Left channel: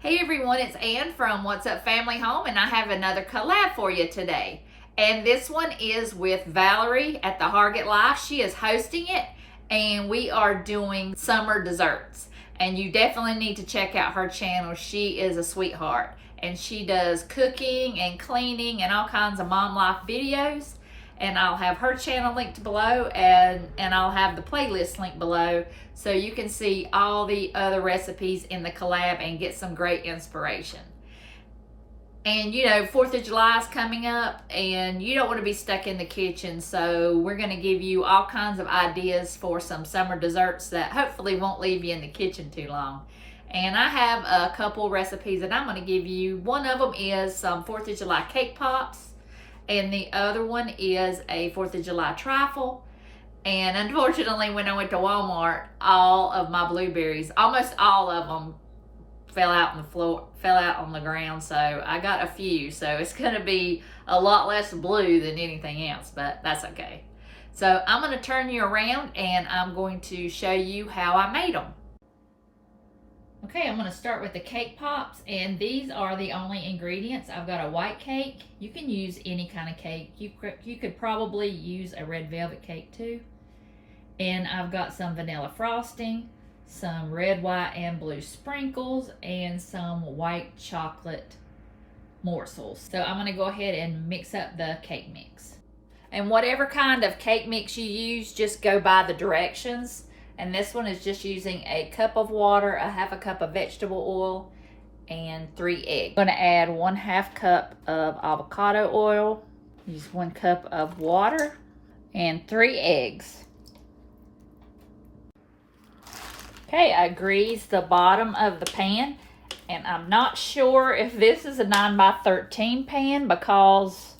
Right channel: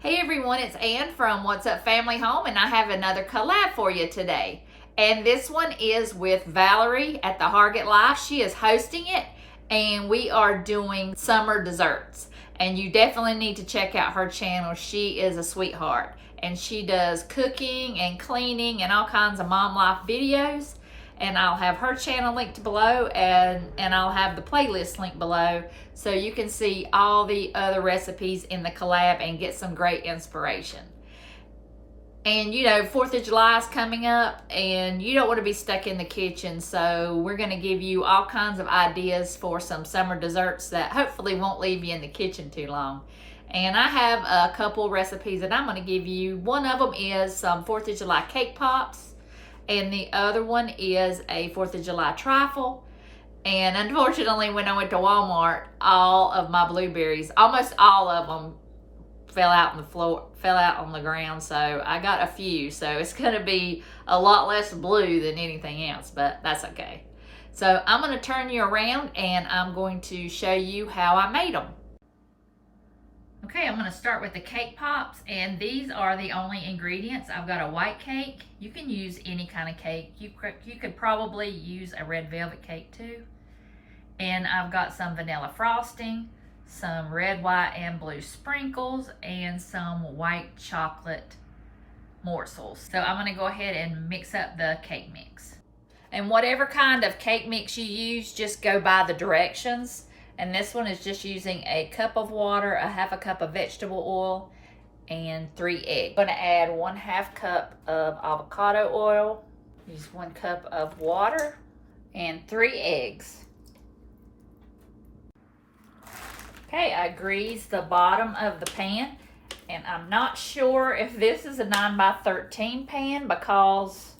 Hey everyone, it's Ann from What's Up Family Home, and I have another collab for you today. And this one is with Valerie at the Hargett Life. She is hosting it, and we are doing summer desserts. And you definitely need to check out her channel. She is a sweetheart, and she does cooking and cleaning and all kinds of mom life videos. And I'll have her channel linked below, and I'll have the playlist linked below so you can see all the other recipes in the collab and get some great inspiration. And you know, 4th of July is coming up and you don't want to be stuck in the kitchen, so we're going to give you all kinds of ideas for some summer desserts that hopefully won't leave you in the kitchen too long. And I have a couple recipes that I'm going to give you. One of them is some 4th of July cake pops, and the other one is a 4th of July trifle. And unfortunately, when I went to Walmart, all of my blueberries, almost all of them, fell out on the floor, fell out on the ground. So I got a few. So it's going to be a lot less blue than anything else, but that's okay. So I'm going to turn you around and I'm going to show you how I made them. Okay, I'm going to start with the cake pops, and these are the only ingredients. I've got a white cake. You can use any kind of cake. You could probably use a red velvet cake too. And I've got some vanilla frosting, some red, white, and blue sprinkles, and some white chocolate morsels. So I'm going to go ahead and mix up the cake mix. And whatever kind of cake mix you use, just go by the directions. And this one is just using a cup of water, a half a cup of vegetable oil, and 3 eggs. I'm going to add 1/2 cup of avocado oil, use 1 cup of water, and 3 eggs. Okay, I greased the bottom of the pan, and I'm not sure if this is a 9x13 pan because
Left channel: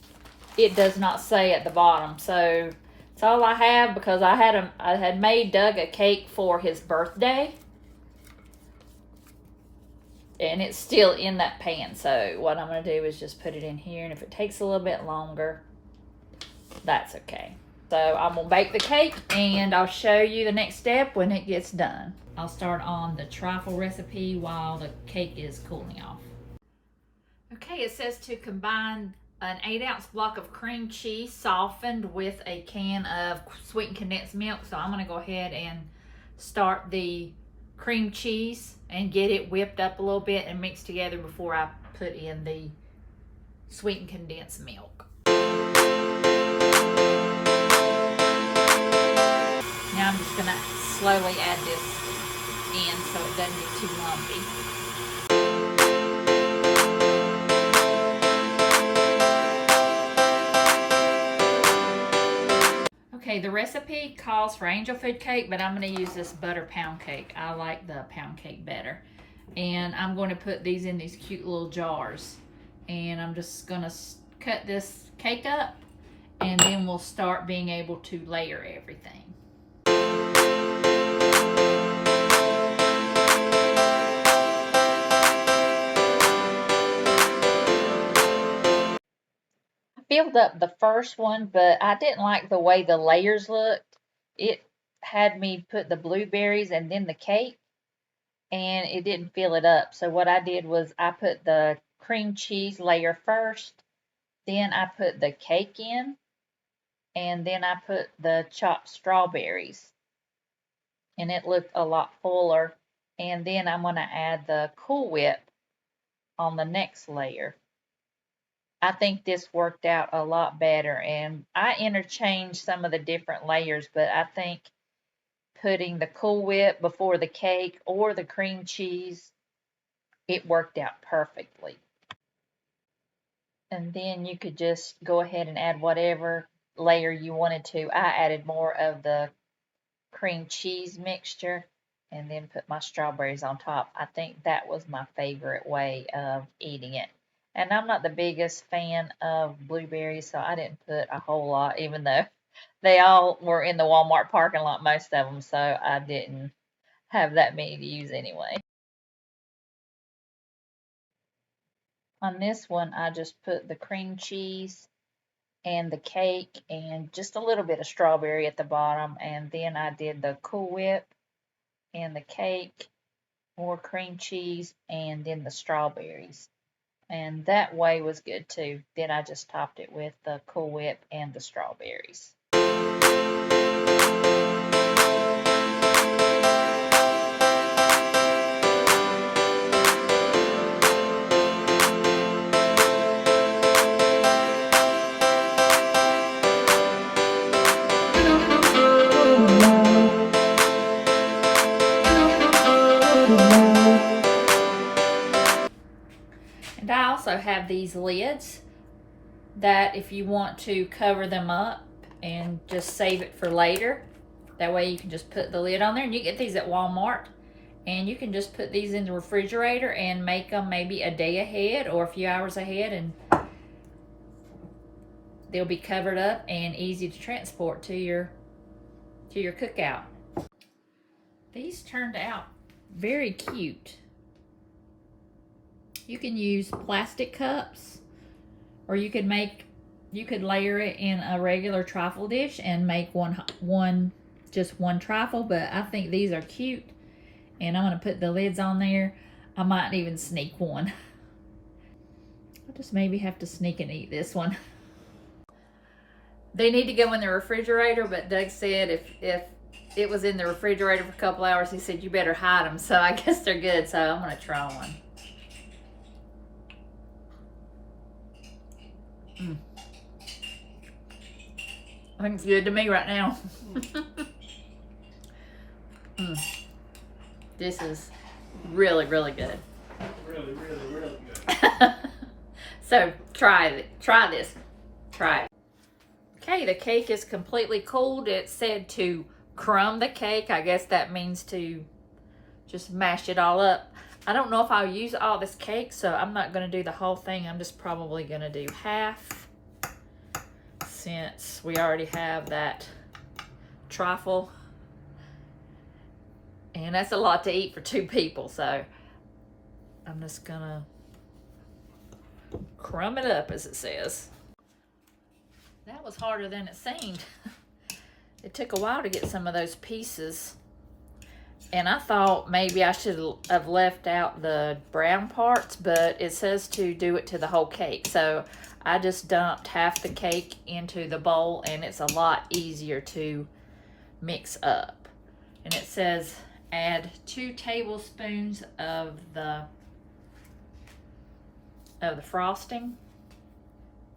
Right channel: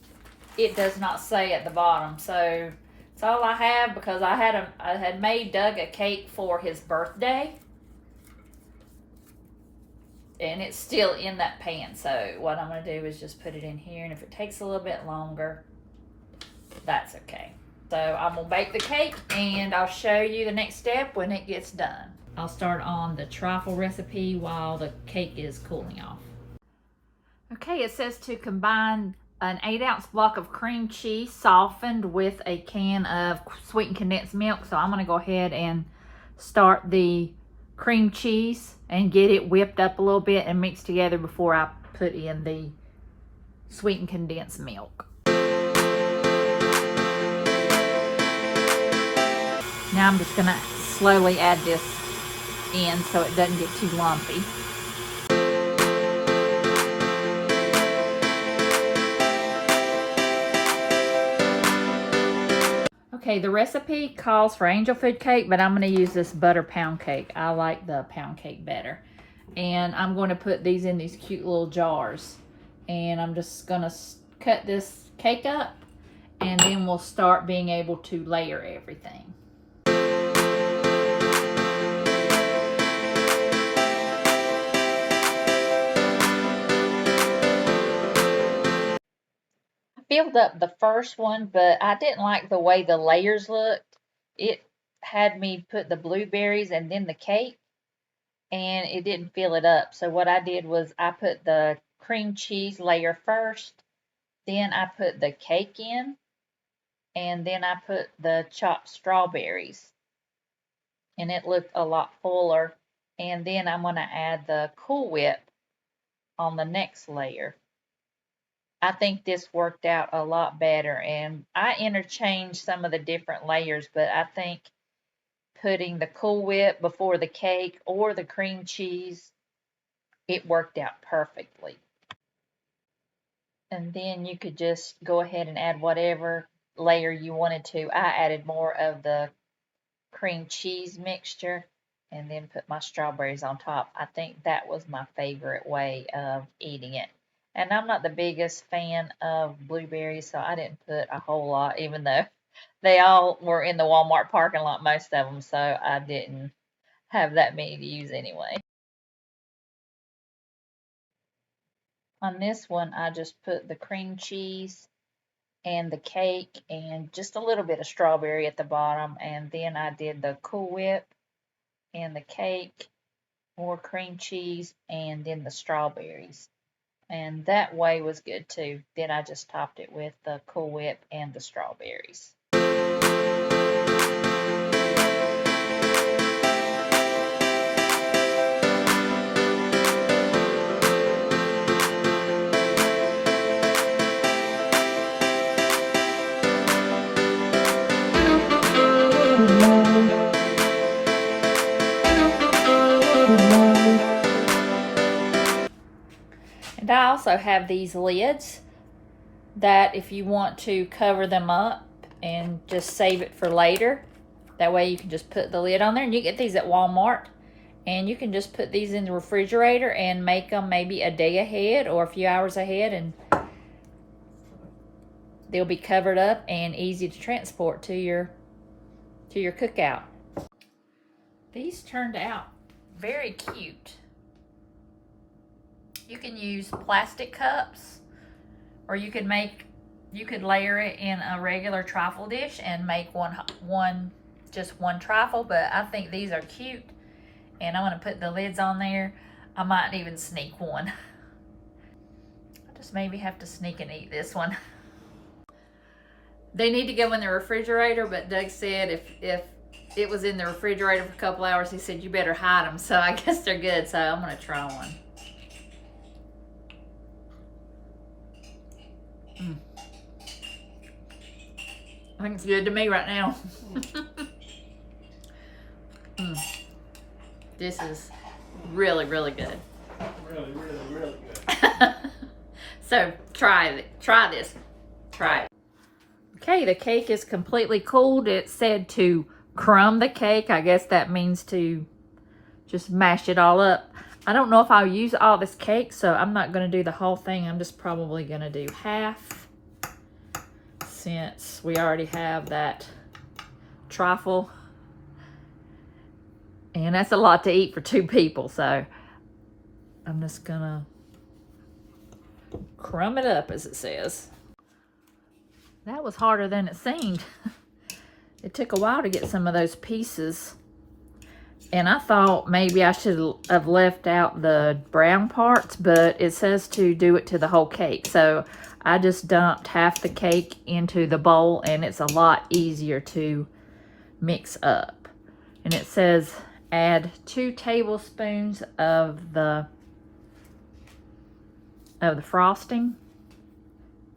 it does not say at the bottom. So it's all I have because I had made Doug a cake for his birthday, and it's still in that pan. So what I'm going to do is just put it in here, and if it takes a little bit longer, that's okay. So I'm going to bake the cake, and I'll show you the next step when it gets done. I'll start on the trifle recipe while the cake is cooling off. Okay, it says to combine an 8-ounce block of cream cheese softened with a can of sweetened condensed milk. So I'm going to go ahead and start the cream cheese and get it whipped up a little bit and mixed together before I put in the sweetened condensed milk. Now I'm just going to slowly add this in so it doesn't get too lumpy. Okay, the recipe calls for angel food cake, but I'm going to use this butter pound cake. I like the pound cake better. And I'm going to put these in these cute little jars. And I'm just going to cut this cake up, and then we'll start being able to layer everything. Filled up the first one, but I didn't like the way the layers looked. It had me put the blueberries and then the cake, and it didn't fill it up. So what I did was I put the cream cheese layer first, then I put the cake in, and then I put the chopped strawberries, and it looked a lot fuller. And then I'm going to add the Cool Whip on the next layer. I think this worked out a lot better, and I interchanged some of the different layers, but I think putting the Cool Whip before the cake or the cream cheese, it worked out perfectly. And then you could just go ahead and add whatever layer you wanted to. I added more of the cream cheese mixture and then put my strawberries on top. I think that was my favorite way of eating it. And I'm not the biggest fan of blueberries, so I didn't put a whole lot, even though they all were in the Walmart parking lot, most of them, so I didn't have that many to use anyway. On this one, I just put the cream cheese and the cake and just a little bit of strawberry at the bottom, and then I did the Cool Whip and the cake more cream cheese, and then the strawberries. And that way was good too. Then I just topped it with the Cool Whip and the strawberries. And I also have these lids that if you want to cover them up and just save it for later, that way you can just put the lid on there. And you get these at Walmart, and you can just put these in the refrigerator and make them maybe a day ahead or a few hours ahead, and they'll be covered up and easy to transport to your cookout. These turned out very cute. You can use plastic cups, or you could layer it in a regular trifle dish and make just one trifle, but I think these are cute, and I'm gonna put the lids on there. I might even sneak one. I'll just maybe have to sneak and eat this one. They need to go in the refrigerator, but Doug said if it was in the refrigerator for a couple hours, he said you better hide them, so I guess they're good, so I'm gonna try one. I think it's good to me right now. This is really, really good. Really, really, really good. So try this. Try it. Okay, the cake is completely cooled. It said to crumb the cake. I guess that means to just mash it all up. I don't know if I'll use all this cake, so I'm not going to do the whole thing. I'm just probably going to do half, since we already have that trifle. And that's a lot to eat for 2 people, so I'm just going to crumb it up, as it says. That was harder than it seemed. It took a while to get some of those pieces. And I thought maybe I should have left out the brown parts, but it says to do it to the whole cake. So I just dumped half the cake into the bowl, and it's a lot easier to mix up. And it says add 2 tablespoons of the frosting.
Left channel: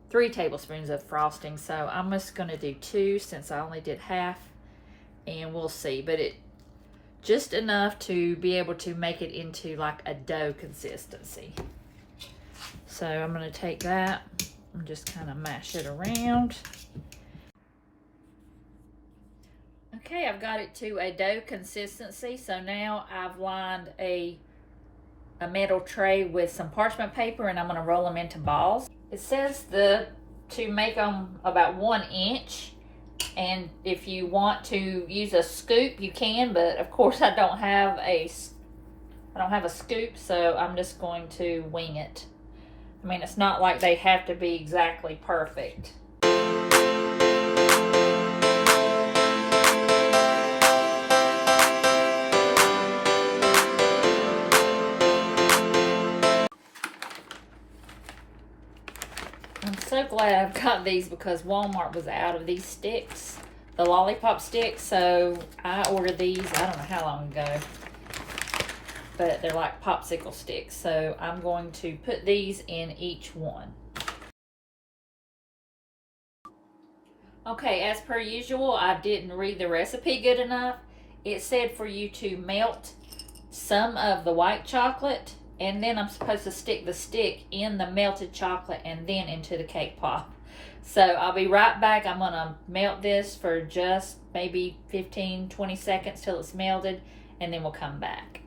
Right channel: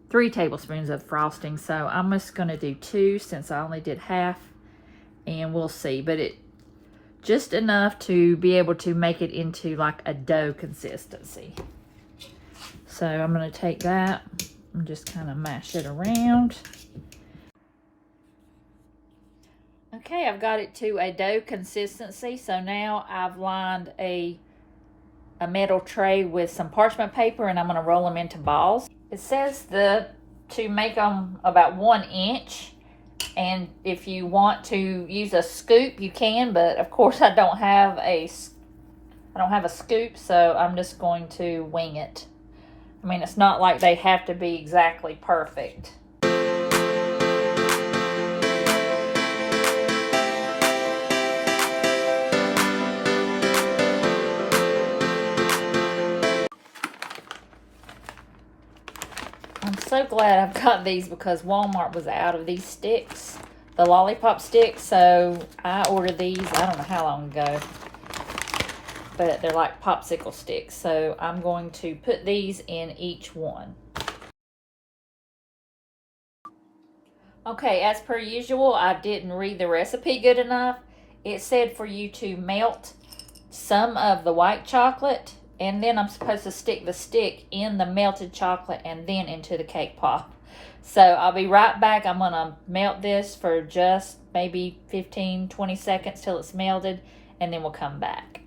3 tablespoons of frosting. So I'm just going to do 2 since I only did half, and we'll see. But it just enough to be able to make it into like a dough consistency. So I'm going to take that and just kind of mash it around. Okay, I've got it to a dough consistency. So now I've lined a metal tray with some parchment paper, and I'm going to roll them into balls. It says to make them about 1 inch. And if you want to use a scoop, you can, but of course I don't have a scoop, so I'm just going to wing it. I mean, it's not like they have to be exactly perfect. I'm so glad I've got these because Walmart was out of these sticks, the lollipop sticks, so I ordered these, I don't know how long ago, but they're like popsicle sticks, so I'm going to put these in each one. Okay, as per usual, I didn't read the recipe good enough. It said for you to melt some of the white chocolate, and then I'm supposed to stick the stick in the melted chocolate and then into the cake pop. So I'll be right back. I'm going to melt this for just maybe 15-20 seconds till it's melted, and then we'll come back.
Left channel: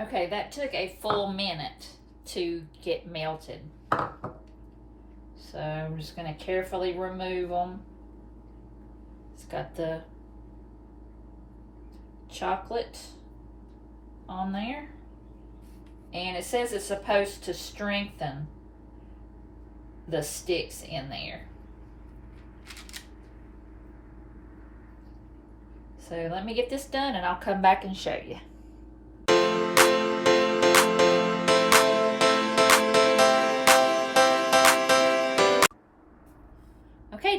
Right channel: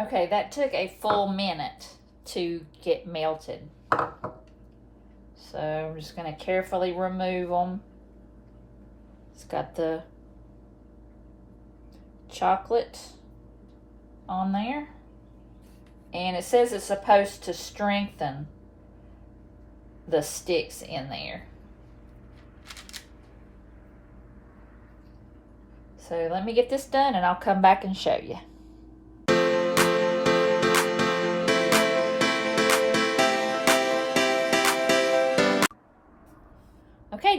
Okay, that took a full minute to get melted. So I'm just going to carefully remove them. It's got the chocolate on there. And it says it's supposed to strengthen the sticks in there. So let me get this done and I'll come back and show you.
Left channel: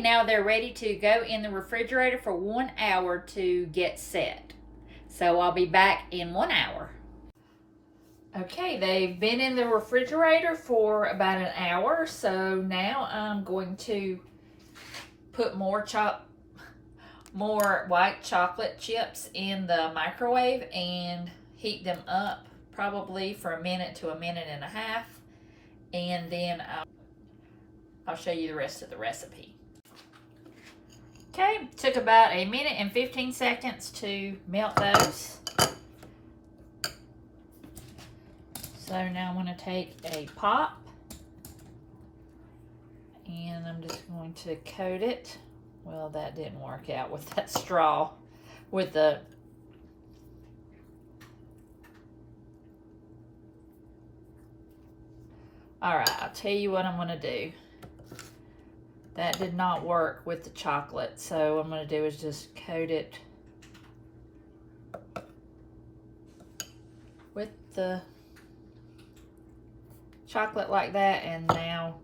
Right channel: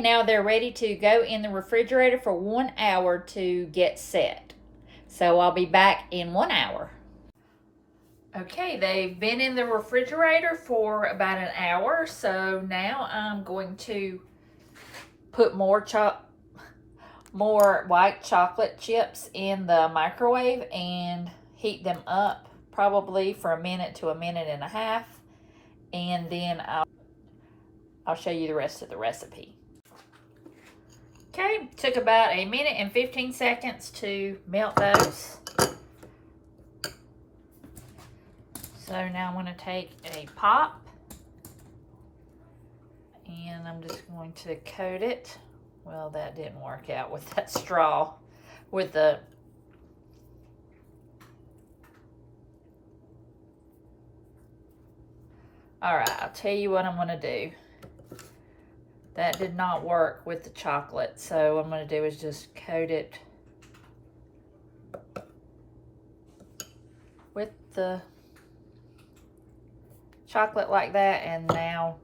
now they're ready to go in the refrigerator for 1 hour to get set. So I'll be back in 1 hour. Okay, they've been in the refrigerator for about an hour, so now I'm going to put more white chocolate chips in the microwave and heat them up probably for 1 minute to 1.5 minutes, and then I'll show you the rest of the recipe. Okay, took about 1 minute and 15 seconds to melt those. So now I'm going to take a pop and I'm just going to coat it. Well, that didn't work out with that straw, with the all right, I'll tell you what I'm going to do. That did not work with the chocolate, so what I'm going to do is just coat it with the chocolate like that, and now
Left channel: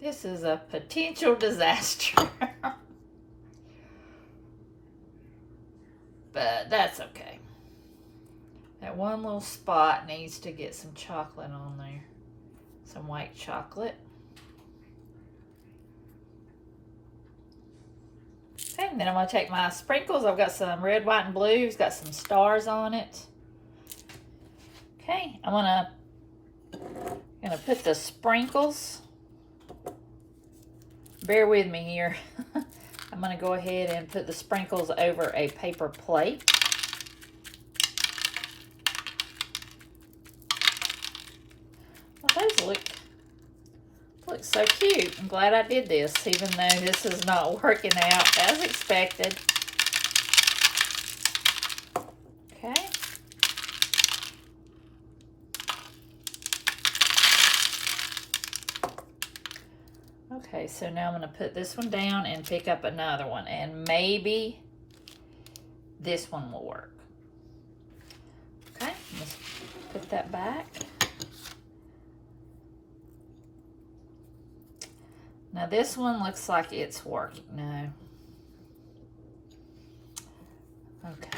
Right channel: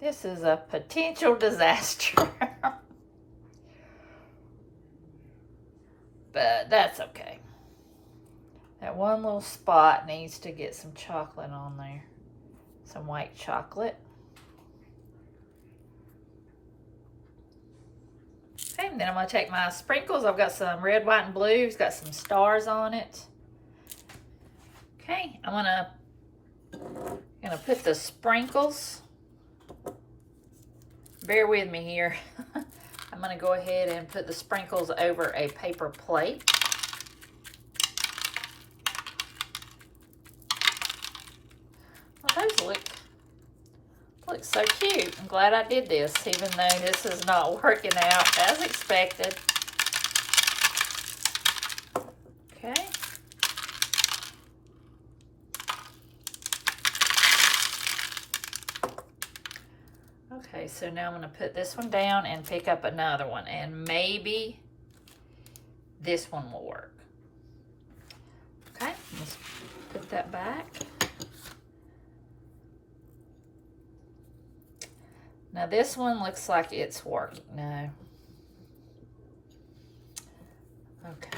this is a potential disaster. But that's okay. That one little spot needs to get some chocolate on there. Some white chocolate. Okay, and then I'm going to take my sprinkles. I've got some red, white, and blue. It's got some stars on it. Okay, I'm gonna put the sprinkles. Bear with me here. I'm gonna go ahead and put the sprinkles over a paper plate. Well, those look so cute. I'm glad I did this, even though this is not working out as expected. Okay. Okay, so now I'm going to put this one down and pick up another one, and maybe this one will work. Okay, let's put that back. Now this one looks like it's working. No. Okay.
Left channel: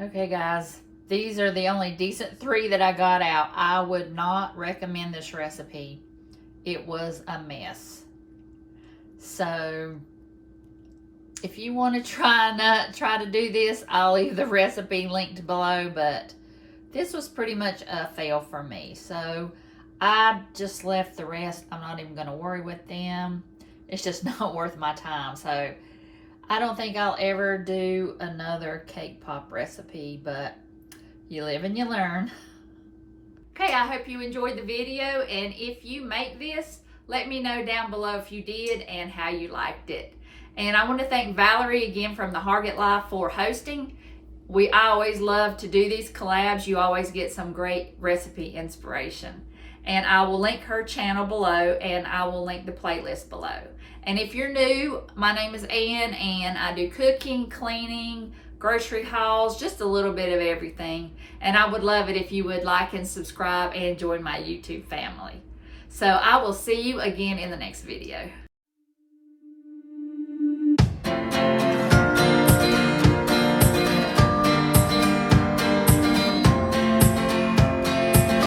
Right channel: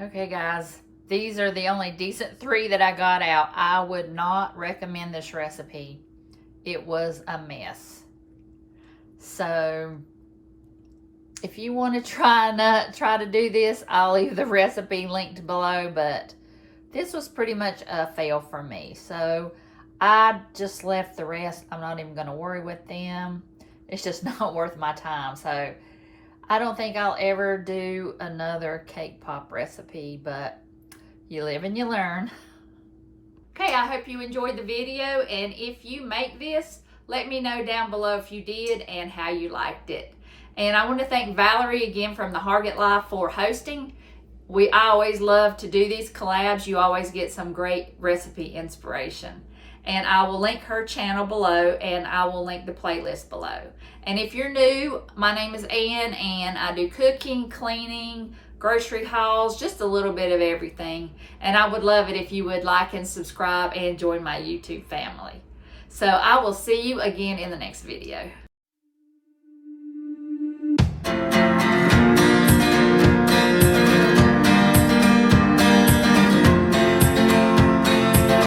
Okay guys, these are the only decent 3 that I got out. I would not recommend this recipe. It was a mess. So if you want to try to do this, I'll leave the recipe linked below, but this was pretty much a fail for me. So I just left the rest. I'm not even going to worry with them. It's just not worth my time. So I don't think I'll ever do another cake pop recipe, but you live and you learn. Okay, I hope you enjoyed the video, and if you make this, let me know down below if you did and how you liked it. And I want to thank Valerie again from the Hargett Life for hosting. I always love to do these collabs. You always get some great recipe inspiration. And I will link her channel below, and I will link the playlist below. And if you're new, my name is Ann, and I do cooking, cleaning, grocery hauls, just a little bit of everything. And I would love it if you would like and subscribe and join my YouTube family. So I will see you again in the next video.